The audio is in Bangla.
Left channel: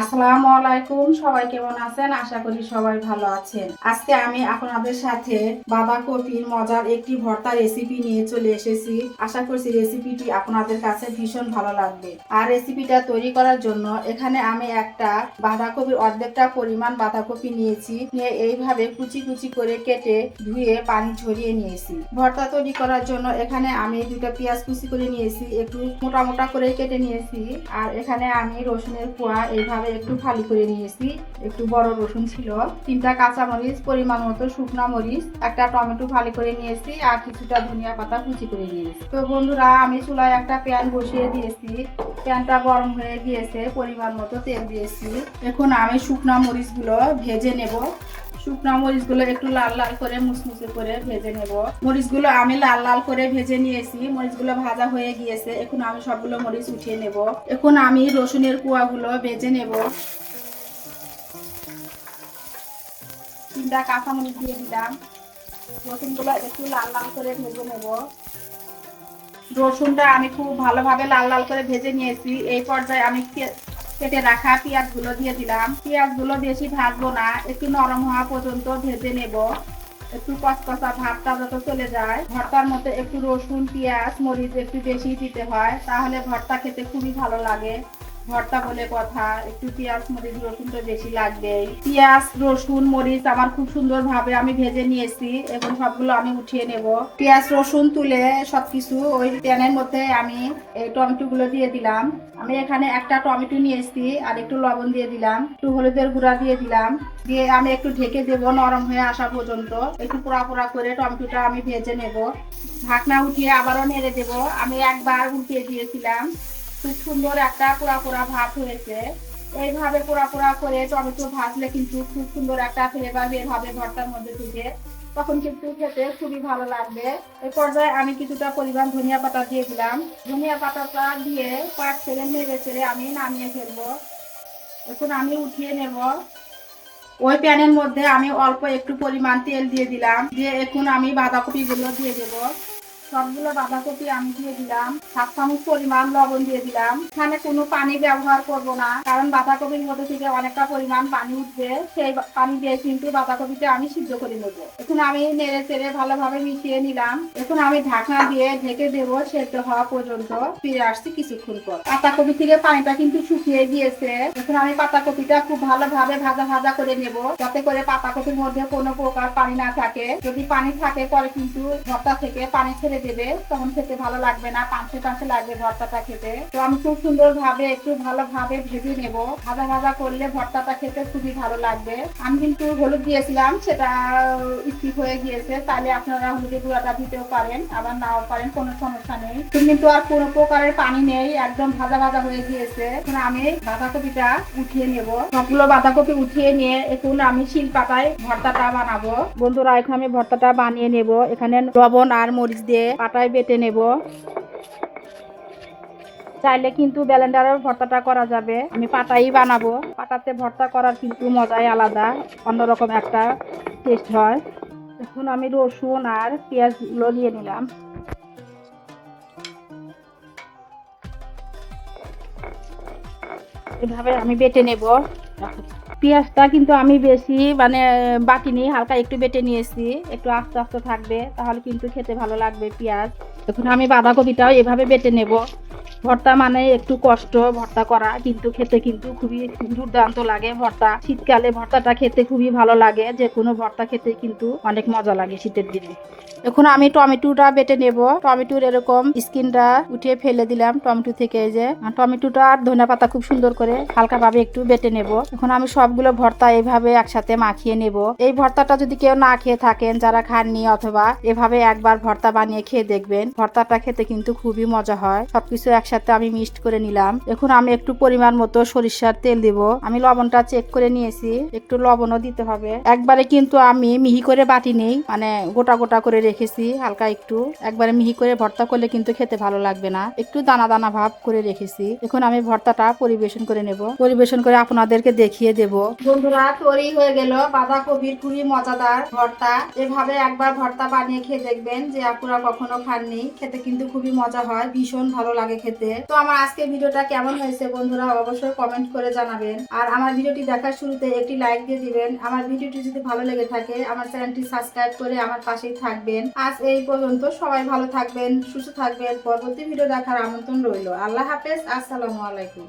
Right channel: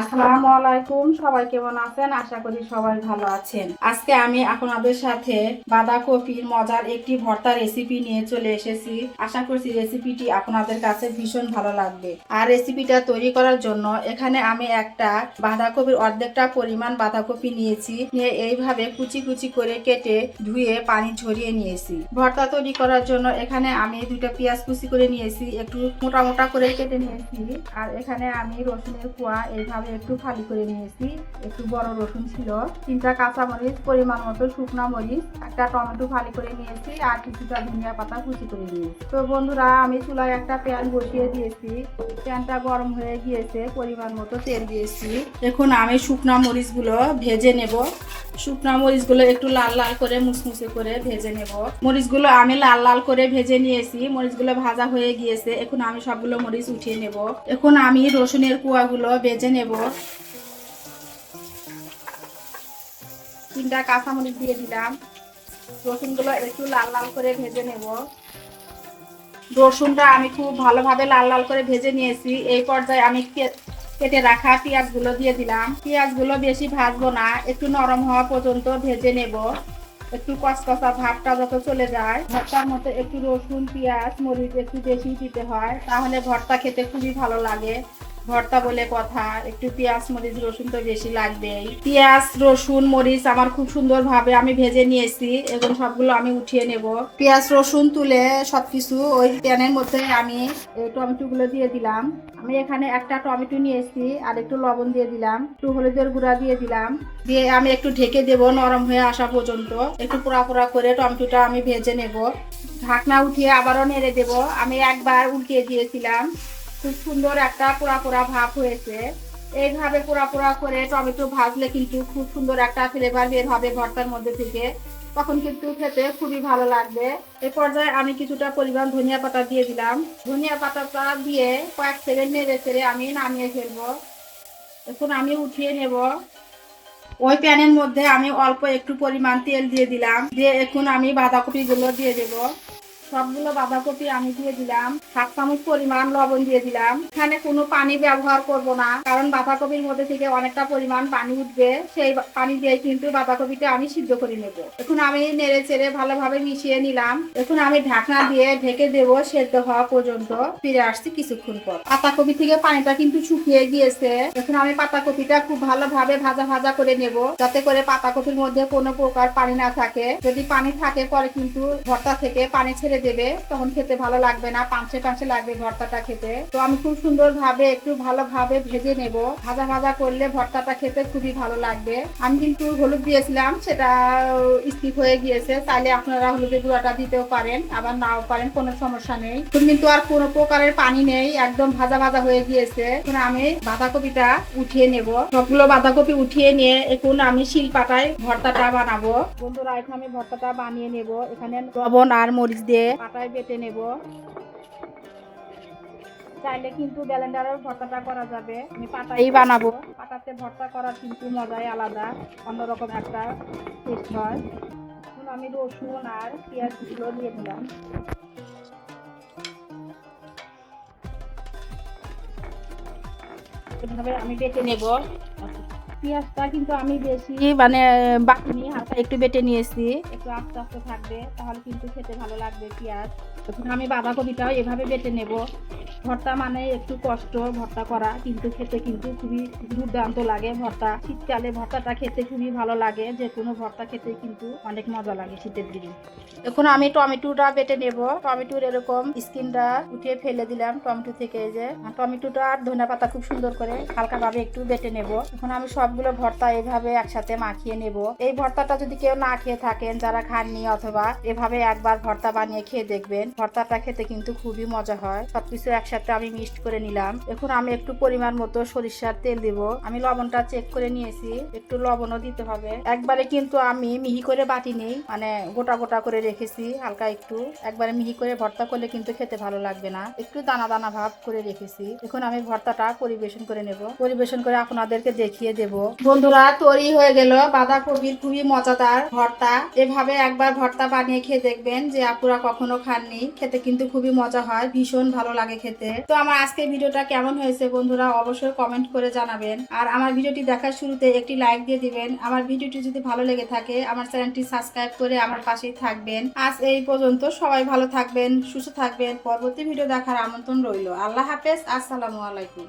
আসসালামু আলাইকুম, সবাই কেমন আছেন? আশা করি সবাই ভালো আছেন। আজকে আমি আপনাদের সাথে বাঁধাকপির মজার একটি ভর্তা রেসিপি নিয়ে চলে এসেছি। আশা করছি রেসিপিটি আপনাদের কাছে ভীষণ ভালো লাগবে। আর রেসিপিটা তৈরি করার জন্য এখানে আমি একটা বাঁধাকপির অর্ধেকটা পরিমাণ বাঁধাকপি নিয়েছি। নিয়ে এইভাবে কুচি কুচি করে কেটে ধুয়ে পানি ঝরিয়ে নিয়েছি। ভর্তা তৈরি করার জন্য এখানে আমি দুটো পেঁয়াজ কুচি করে নিয়েছি। একটু মোটা মোটা করে কেটে নিয়েছি। আর এখানে আমি রসুনের কোয়া এইভাবে একটু খালি করে নিয়েছি। একটু বড় রসুন ছিল। তিনটা কাঁচামরিচ, পরিমাণ মতো শুকনা মরিচ, একটা টমেটো ফালি করে নিয়েছি আর কিছুটা ধনিয়া পাতা কুচি করে নিয়েছি। তো বন্ধুরা, আমি চুলায় একটা প্যান বসিয়ে দিয়েছি। প্যানটা গরম হয়ে গিয়েছে, পরিমাণ মতো তেল দিয়েছি। এখন আমি শুকনা মরিচগুলো ভেজে নেব। শুকনা মরিচগুলো একটু লাল লাল করে, মুসমুসে করে ভেজে নেব। মরিচগুলো আমি লাল লাল করে ভেজে নিয়েছি। মরিচগুলো ভাজা হয়ে গিয়েছে। এখন আমি সবগুলো মরিচ উঠিয়ে নেব। এখন আমি রসুনের কুয়াগুলো ভেজে নেব। তিনটা কাঁচা মরিচ দিয়ে দিলাম। রসুনগুলো একটু লাল লাল করে ভেজে নেব। রসুনটা আমি খুব ভালোভাবে লাল লাল করে ভেজে নিয়েছি। এই পর্যায়ে আমি কেটে রাখা পেঁয়াজগুলো দিয়ে দিলাম। বেশি ভাজবো না, একটু নরম হওয়া পর্যন্ত ভেজে নেব। একটু কসকসা ভাতটা যত চলে যায়। ভর্তার মধ্যে একটু রসুন, পেঁয়াজ, মরিচ একটু বেশি দিতে হয়, তাহলে ভর্তা খেতে খুবই ভালো লাগে। ভর্তা বলে কথা, একটু পেঁয়াজ, মরিচ, রসুন তো বেশি লাগবেই পেঁয়াজ, রসুন, মরিচ আমার খুব সুন্দর ভাবে আমি ভেজে নিয়েছি এবং সবগুলো আমি উঠিয়ে নেব। পেঁয়াজ, রসুন তুলে সবকিছু ওই প্যানের মধ্যে আমি এই টমেটো গুলো দিয়ে দিলাম। আমি এখানে একটা টমেটো নিয়েছি আর একটু লবণ দিয়ে দিলাম, একটু হলুদের গুঁড়া দিয়ে দিলাম। দিয়ে আমি একটু ঢেকে দেব নরম হয়ে আসা পর্যন্ত। একটু পোড়া পোড়া করে টমেটোটা আমি ভেজে নেব। ঢাকনা উঠিয়ে আবারও নেড়ে দেব। আমি একবার উল্টিয়ে দিয়েছিলাম। খুব সুন্দর একটা পোড়া পোড়া ভাব হয়েছে। এইভাবে পোড়া পোড়া করে টমেটো ভাজলে কিন্তু খুব সুন্দর একটা ফ্লেভার বের হবে ভর্তার মধ্যে থেকে। তখন কিন্তু খেতে খুবই ভালো লাগবে। এই পর্যায়ে আমি কিছুটা পরিমাণ ধনিয়া পাতা দিয়ে দিলাম। ধনিয়া পাতাটা দিয়ে কয়েক সেকেন্ড নেড়ে চেড়ে আমি নামিয়ে ফেলব। এখন আমি উঠিয়ে নেব। ওই প্যানের মধ্যে আমি অল্প একটু পরিমাণ তেল দিয়ে দিলাম। দিয়ে এখন আমি বাঁধাকপিগুলো দিয়ে দেবো। সবগুলো বাঁধাকপি আমি দিয়ে দিলাম, সাত চামচ পরিমাণ লবণ দিয়ে দিলাম। এখানে কোনো পানি ব্যবহার করব না, কারণ বাঁধাকপির মধ্যে থেকে অনেকটা পরিমাণ পানি উঠবে, সেই পানি দিয়ে কিন্তু বাঁধাকপিটা আমি সিদ্ধ করে নেব। এখন আমি নেড়ে চেড়ে ভালোভাবে মিশিয়ে নিলাম। এখন আমি ঢাকনা দিয়ে ঢেকে দেব সেদ্ধ হওয়া পর্যন্ত। ফিরে আসছি কিছুক্ষণ পর। পাতাকপি থেকে পানিটা কিন্তু শুকিয়ে গিয়েছে। এখন আমি পাতাকপিটা খুব ভালোভাবে ভাজা ভাজা করে নেব, যাতে করে পাতাকপির মধ্যে কোনো প্রকার পানি না থাকে। যদি পানি থাকে পরে কিন্তু ভর্তা থেকে পানি ছেড়ে দেবে, তখন খেতে ভালো লাগবে না, পাঁচে পাঁচে লাগবে ভর্তাটা খেতে। তো আমি খুব সুন্দর ভাবে একটু ভালোভাবে ভেজে নেব। ভাজা ভাজা করলে ভর্তাটা খেতে খুবই ভালো লাগবে। আমি কিন্তু হলুদ দিয়েছিলাম, সেটা স্কিপ হয়ে গিয়েছে। তাহলে আপনারা হলুদের গুঁড়াটা দিতেও পারেন, আবার নাও পারেন, কোনো সমস্যা নেই। এখন কিন্তু আর কোনো প্রকারের পানি নেই, একদম ভাজা ভাজা হয়ে গিয়েছে। এখন আমি বাঁধাকপিটা উঠিয়ে নেব। সবগুলো বাঁধাকপি উঠিয়ে নিয়ে এখন আমি শিল পাটায় ভর্তাটা বানাবো। বন্ধুরা, এখন আমি ভর্তাটা বানিয়ে নেব। এখানে লবণ আর মরিচ দিয়ে পাটায় বেটে নেব। চাইলে কিন্তু ব্যালেন্ডারের ভর্তাটা করা যাবে। আমি পাটাই বানাবো। পাটাতে ভর্তা করার কিন্তু মজাই আলাদা, অন্যরকম একটা টেস্ট হয়। এখন আমি রসুন আর পেঁয়াজগুলো দিয়ে নিলাম এভাবে আমি বেটে নেব। পেঁয়াজটা কিন্তু আমি বেশি মানে বাকি নিই, হালকা একটু বেটে নিয়েছি। একটু আস্তে আস্তে থাকবে, তাহলে কিন্তু খেতে ভালো লাগবে পেঁয়াজ। এখন আমি বাঁধাকপিটাও এভাবে বেটে নেব। ভর্তা মানে একটু কষ্ট ভর্তা করা, কিন্তু খেতে কিন্তু খুবই দুর্দান্ত লাগে ভর্তা। শীতকালে ভর্তাটা খেতে খুবই ভালো লাগে যে কোনো ভর্তা খেতে কিন্তু অনেক মজা লাগে শীতের দিনে। এখন আমি টমেটোটা বেটে নেব। টমেটোর এরকম স্কিনটা উঠিয়ে ফেলে দিলাম টমেটো থেকে এই যে। টমেটোটা আর ধনে পাতা খুব সুন্দর করে হালকা ভাবে একটু বেটে নেব। এখন আমি সবগুলো ভর্তা এইভাবে একসাথে মাখিয়ে নেব। এই ভর্তাটা যদি কেউ না খেয়ে থাকেন, যারা খাননি অথবা এভাবে একবার ভর্তা বানিয়ে খেয়ে দেখবেন, ভর্তাটা খেতে কিন্তু খুবই মজা হয়। সবকিছু একসাথে আমি মিক্সড করে নিলাম। এখন আমি একটু পরিমাণ মতো সরিষার তেল দিব। আমি লবণটা চেক করে নিয়েছি। একটু লবণও দিতে হবে। একবারে কিন্তু আমি মিহি করে বাটি নেই মানে গোটা গোটা করে রেখেছি, হালকা একটু। একবারে মিহি করে ভর্তা করলে কিন্তু খেতে ভালো লাগবে না। একটু দানা দানা ভাব করে রেখেছি। এখন আমি ভর্তাটা পরিবেশন করে নেব। পরিবেশন করে আপনাদেরকে দেখিয়ে দেব। বন্ধুরা, তৈরি হয়ে গেল বাঁধাকপির খুবই মজাদার ভর্তা। এভাবে একবার ভর্তা বানিয়ে খেয়ে দেখবেন যে আপুরা কখনো খাননি। খেতে কিন্তু খুবই মজা হয়, ভীষণ ভালো লাগে খেতে। খেতে তো আমার আজকে ভিডিওটা কেমন হয়েছে বন্ধুরা অবশ্যই কমেন্ট করে জানাবেন। আর আমার ভিডিওটি দেখার শুরুতে একটি লাইক দিয়ে দিবেন। আমার ভিডিওটি যদি ভালো লেগে থাকে, আমার চ্যানেলটি সাবস্ক্রাইব করে আমার পাশেই থাকবেন। আজ এই পর্যন্ত সবাই ভালো থাকবেন, সুস্থ থাকবেন। পরবর্তী ভিডিও দেখার আমন্ত্রণ রইল। আল্লাহ হাফেজ, আসসালামু আলাইকুম।